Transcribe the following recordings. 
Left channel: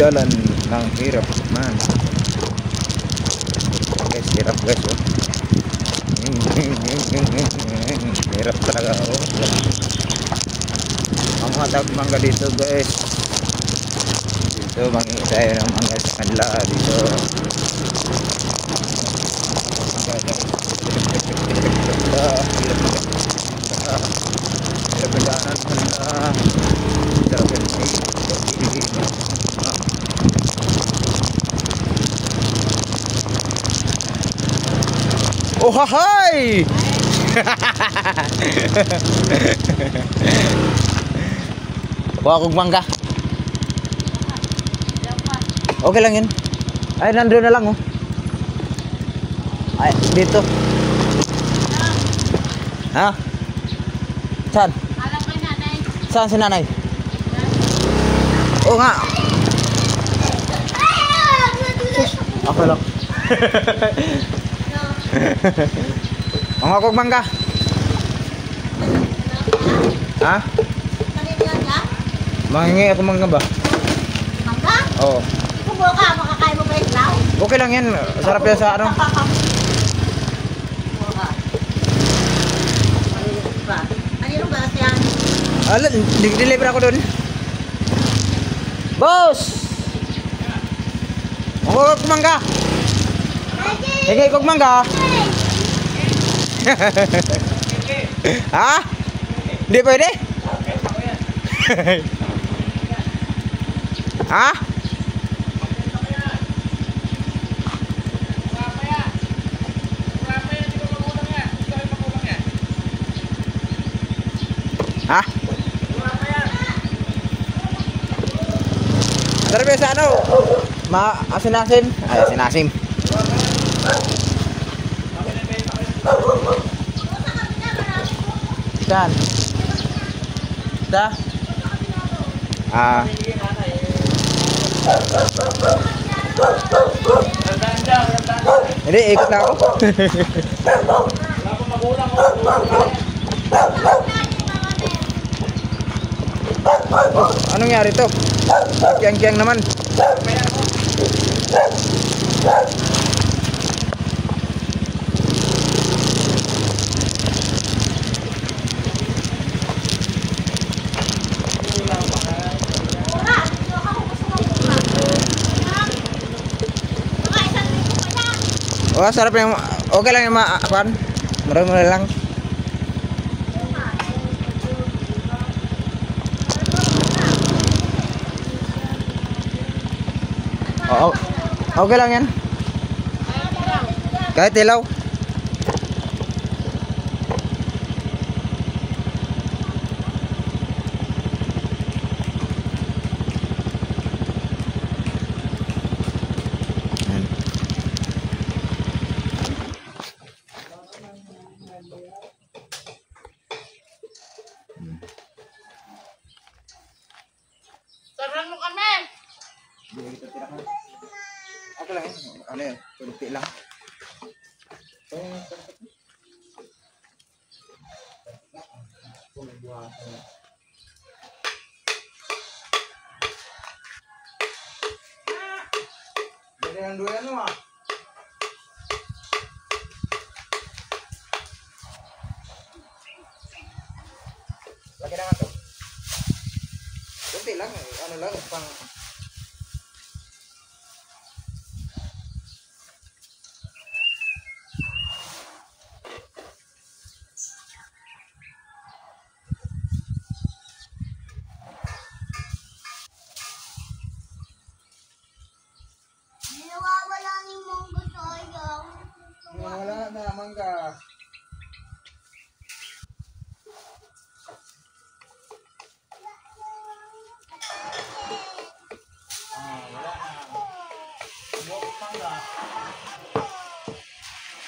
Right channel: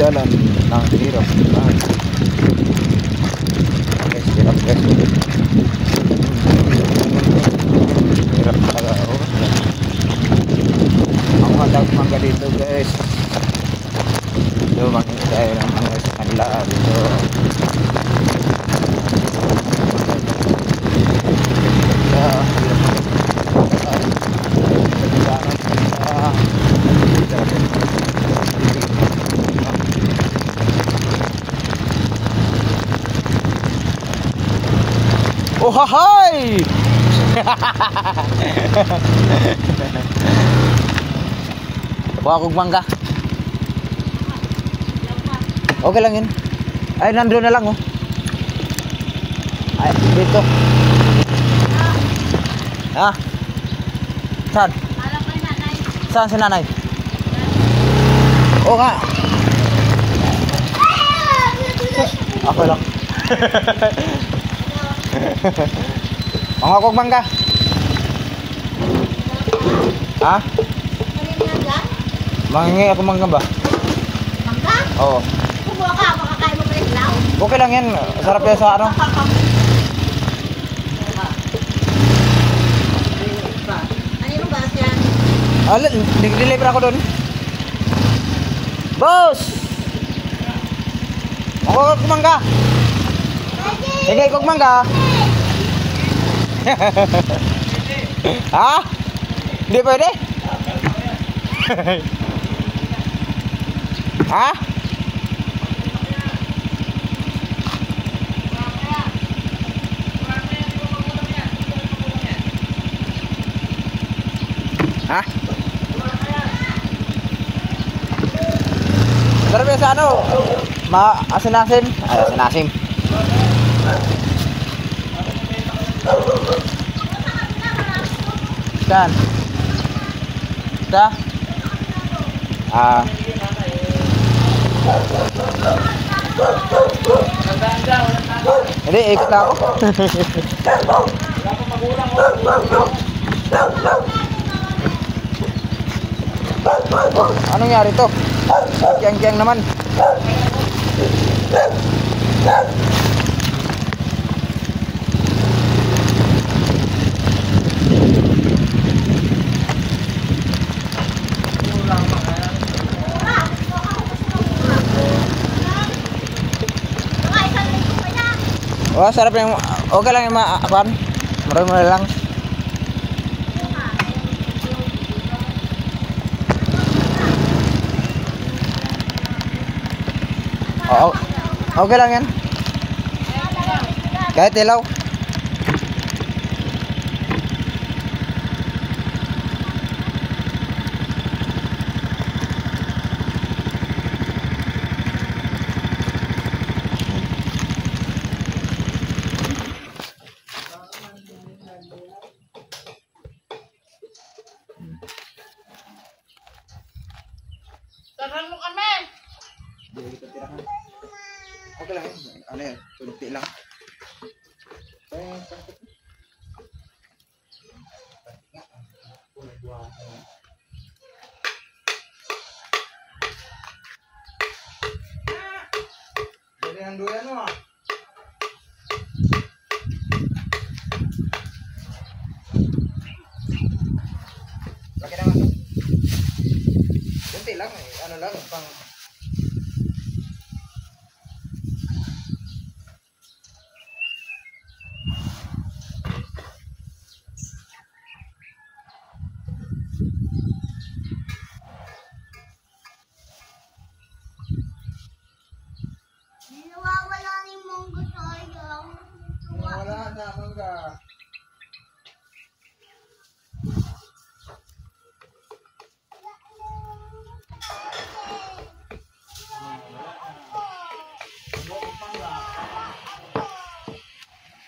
dalan ng hirap. Hirap guys. Hirap talaga. Mga dapat mangga dito guys. Dito mangisay ng mga kanila dito. Oh hahay! Kuha kong mangga. Okay lang yun. Ay, nandun na lang oh. Ay, dito. Ha? Saan? Alam kay nanay. Saan si nanay? Oo nga. Ako lang. Ang akong mangga. Ha? Kanina lang? Mangingi ako mangga ba? Mangga? Oo. Kumuha ka, makakain mo ba yung law? Okay lang yan. Sarap yan sa ano. Kanino ba yan? Alam, deliver ako doon. Boss! Makuha ko mangga. Sige, kog mangga. Ha? Hindi pwede? Ha? Ha? Pero sa ano? Asinasim? Ay, asinasim. Saan? Sa? Hindi, ikot na ako. Wala pong magulang ko. Anong nangyari to? Kiyang-kiyang naman. Oh, sarap yung okay lang yung maapan. Marami lang. Oh, okay lang yan. Kahit ilaw. Sarang mo kami! Okay lang. Ano yan? Tulog lang. Jadi ng duyan mo ah. Laki naman to. Kunti lang eh. Ano lang pang Nawawala ni monggo sayang. wala na mangga.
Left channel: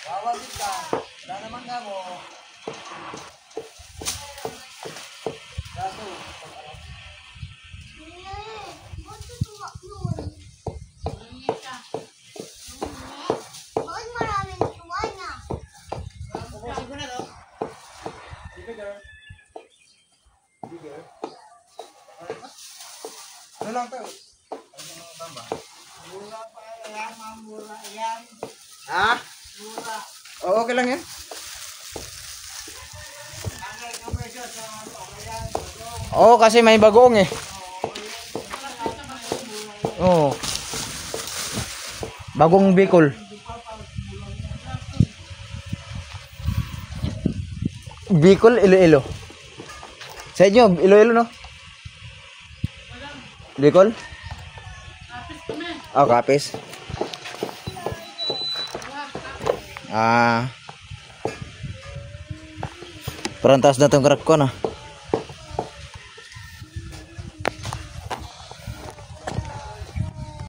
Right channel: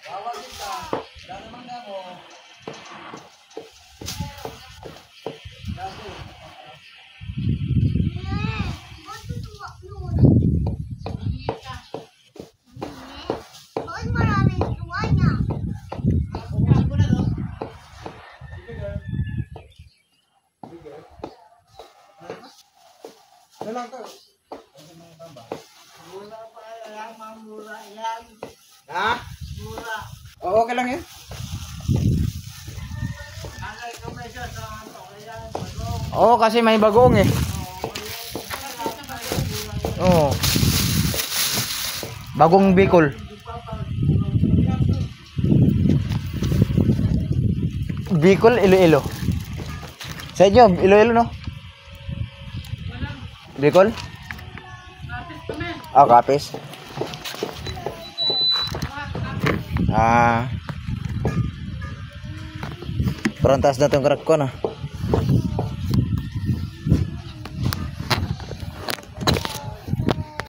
Bawal kita. Wala na mangga mo. Daso. Bakit maraming tuwa niya? Ano lang to? Ha? Oo, okay lang yan. Oo, kasi may bagoong eh. Oo. Bagong Bicol. Bicol, Iloilo. Sa inyo, Iloilo no? Bicol? Ah, Kapis. Ah. Perantas na tong krap ko na.